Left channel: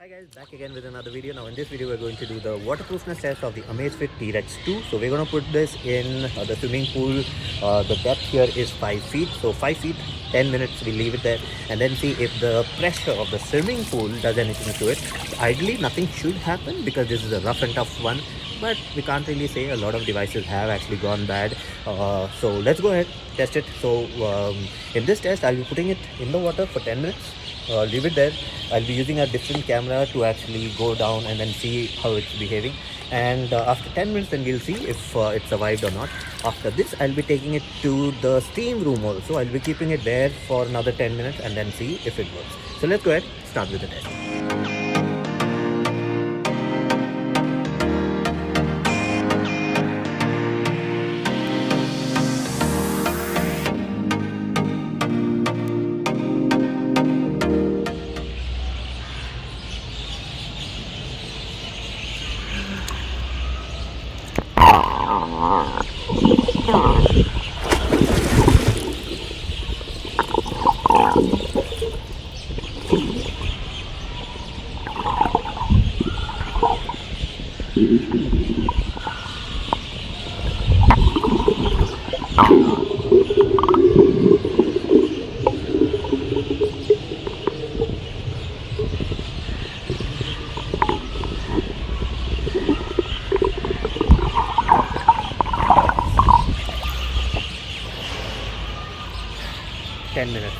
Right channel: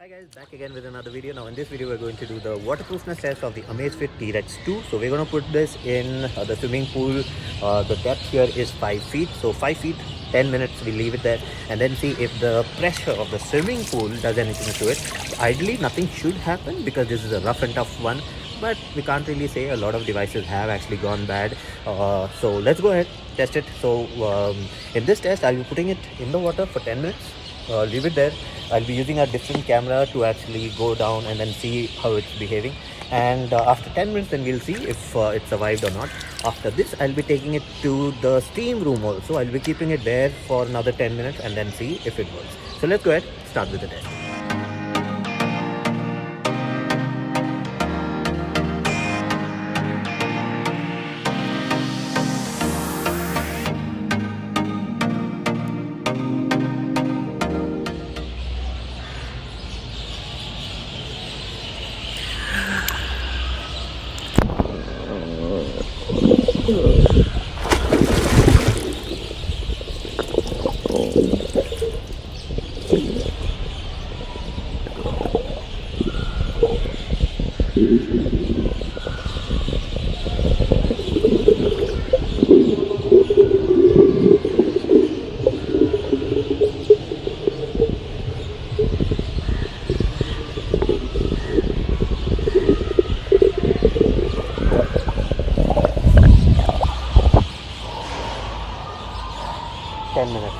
Hi guys, back again with another video. Now in this video we're going to do the waterproofness test of the Amazfit T-Rex 2. So we're going to put this in the swimming pool. The depth here is 5 feet. So 5 feet, 10 minutes we leave it there and then see if the pressure of the swimming pool does anything to it. Ideally nothing should happen because this is a rough and tough one. But we can't really say. A lot of devices have actually gone bad. So let's go ahead, test it. So in this test I'll be putting it in the water for 10 minutes. Leave it there. I'll be using a different camera to actually go down and then see how it's behaving, and after 10 minutes then we'll see if it survived or not. After this I'll be taking it to the steam room also. I'll be keeping it there for another 10 minutes and then see if it works. So let's go ahead, start with the test. Minutes.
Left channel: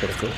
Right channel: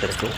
Terus.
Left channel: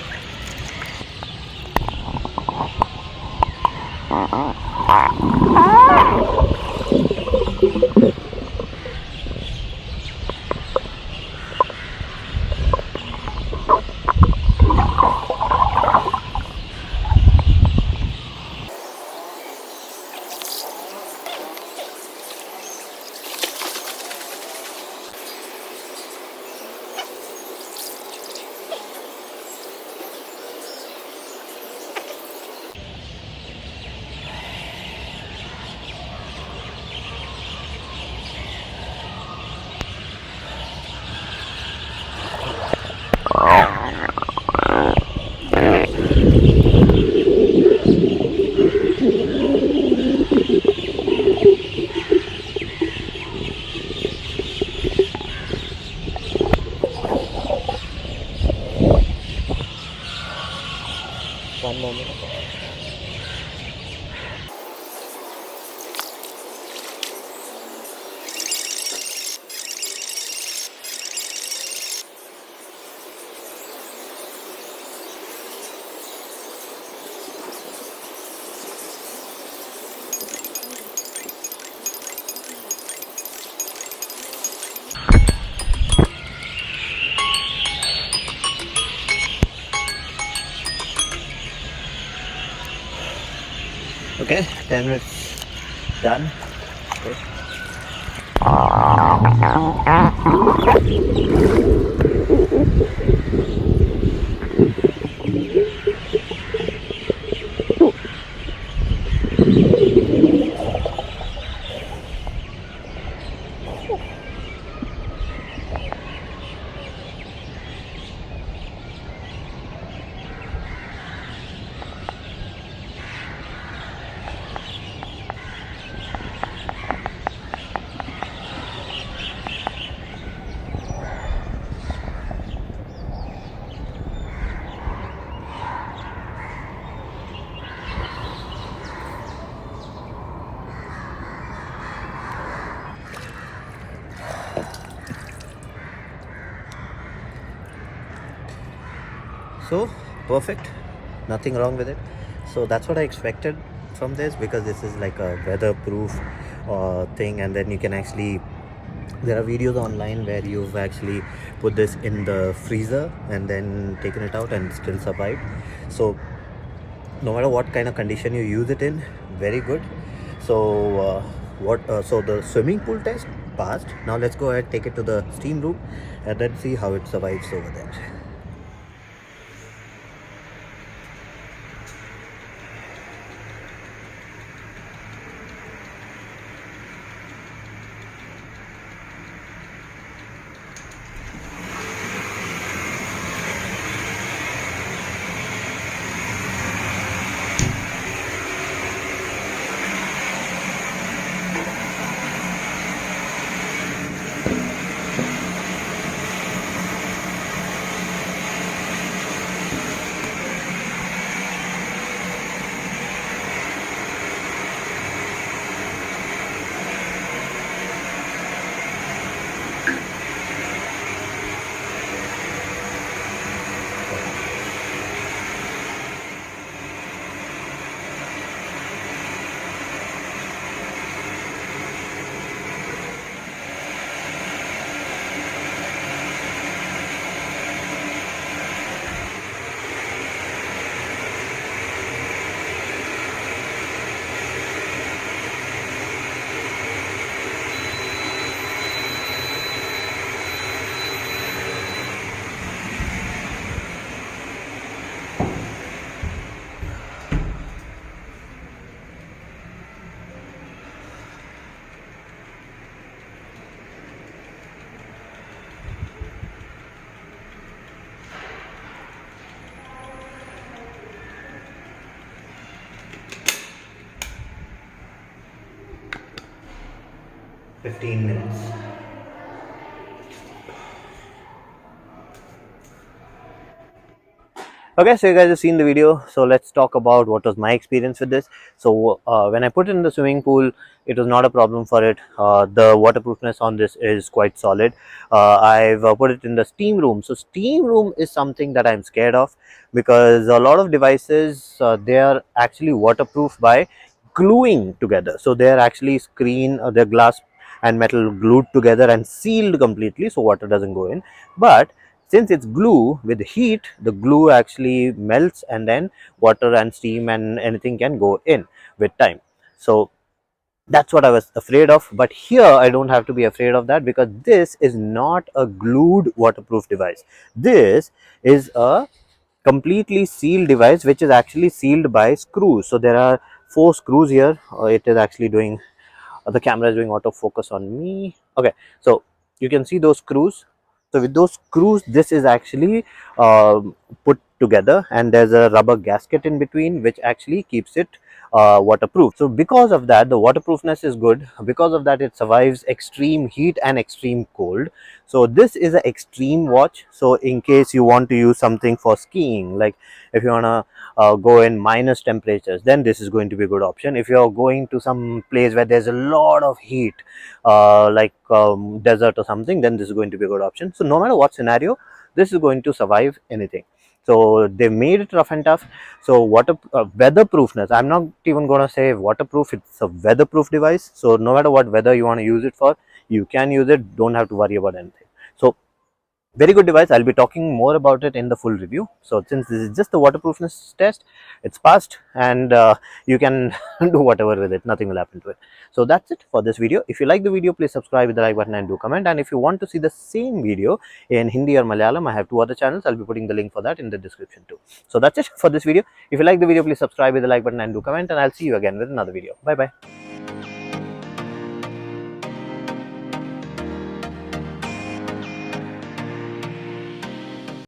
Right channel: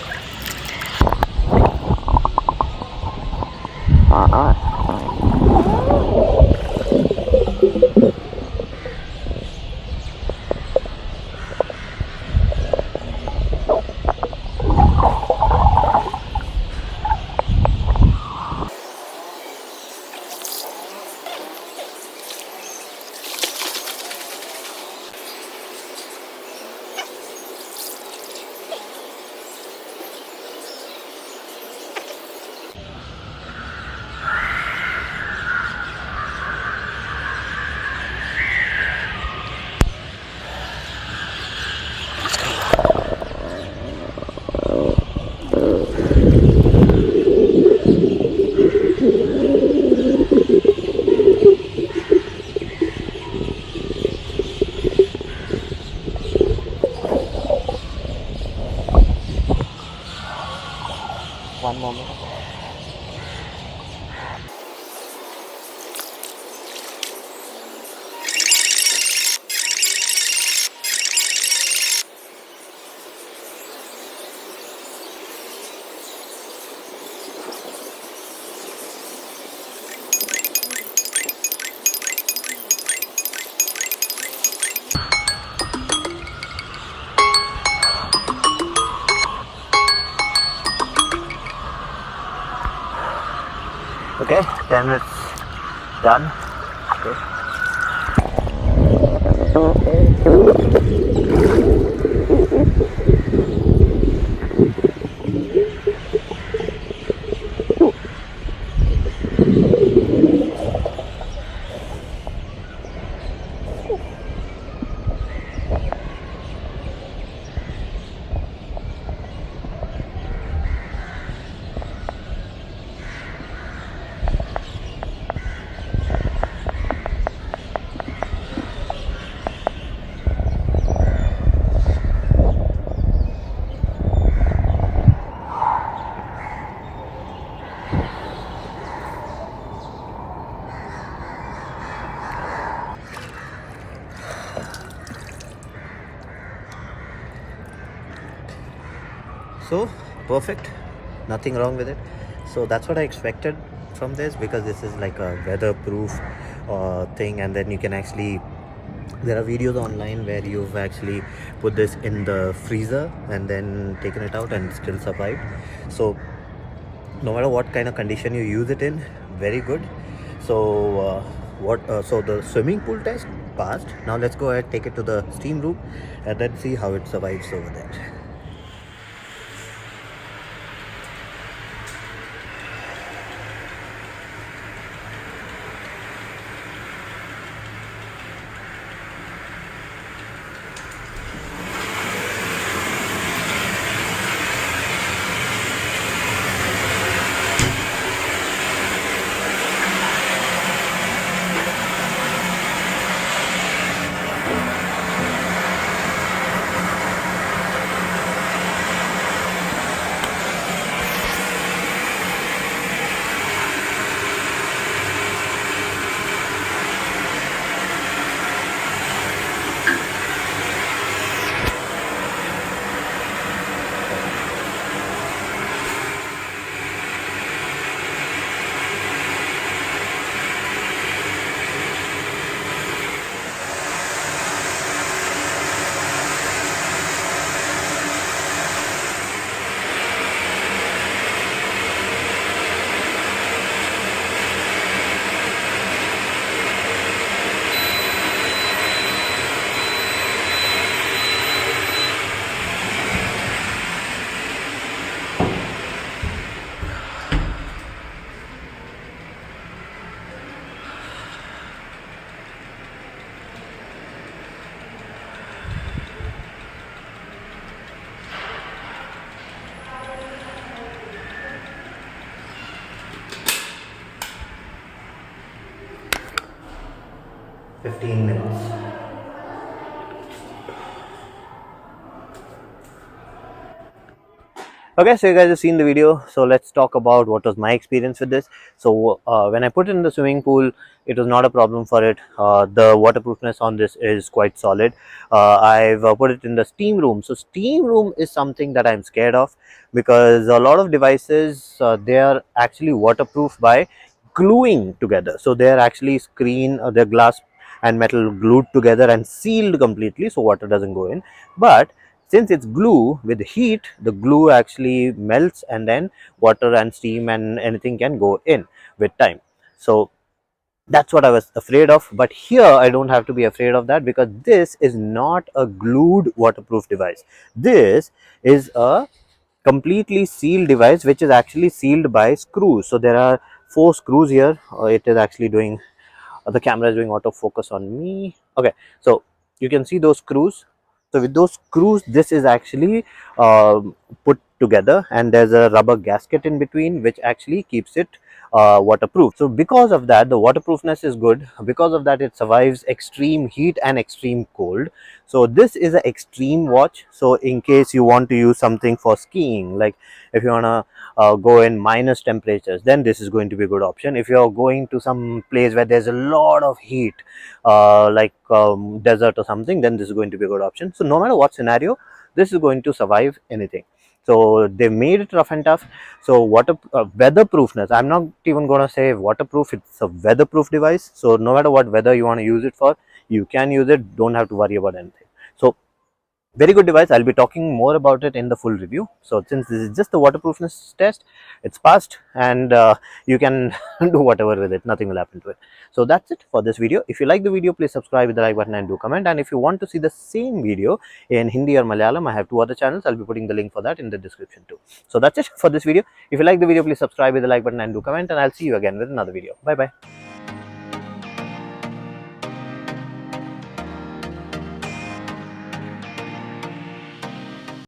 One moment. Okay, 10 minutes done. Okay. So perfect, nothing wrong with it. So that's what I expected from this, because this is like a weatherproof thing, and then you can actually, there are videos online where you've actually put this in the freezer and then taken it out and still survived. So no matter what kind of condition you use it in, very good. So so the swimming pool test passed. Now let's go ahead, take it to the steam room and then see how it survives over there. 15 minutes. Okay, so you guys have seen the video, so let's talk about what was my experience with this. So when I put it in the swimming pool, it was not a problem for it. The waterproofness on this is quite solid. I've put it in the steam room. So steam room is something that I'm scared of, because a lot of devices, they are actually waterproof by gluing together. So they are actually they're glass and metal glued together and sealed completely, so water doesn't go in. But since it's glue, with heat, the glue actually melts, and then water and steam and anything can go in with time. So that's what I was afraid of. But here I don't have to be afraid of that, because this is not a glued waterproof device. This is a completely sealed device, which is actually sealed by screws. So there are 4 screws here. It is actually doing, the camera is doing autofocus on me. Okay, so you can see those screws. So with those screws, this is actually put together, and there's a rubber gasket in between, which actually keeps it waterproof. So because of that, the waterproofness is good. Because of that, it survives extreme heat and extreme cold. So this is an extreme watch. So in case you want to use something for skiing, like if you want to go in minus temperatures, then this is going to be a good option. If you're going to some place where there's a lot of heat, like desert or something, then this is going to be a good option. So no matter what scenario, this is going to survive anything. So they made it rough and tough. So weatherproofness, I'm not even going to say waterproof, it's a weatherproof device. So no matter what weather you want to use it for, you can use it, don't have to worry about anything. So very good device. I'll be talking more about it in the full review. So since this is just the waterproofness test, it's passed, and you can do whatever with it, nothing will happen to it. So that's it for this video. If you like the video, please subscribe with the like button and do comment. And if you want to see the same video in Hindi or Malayalam, I have 2 other channels. I'll be putting the link for that in the description too. So that's it for this video. If you like the video, please subscribe with the like button and do comment, and I'll see you again with another video. Bye bye.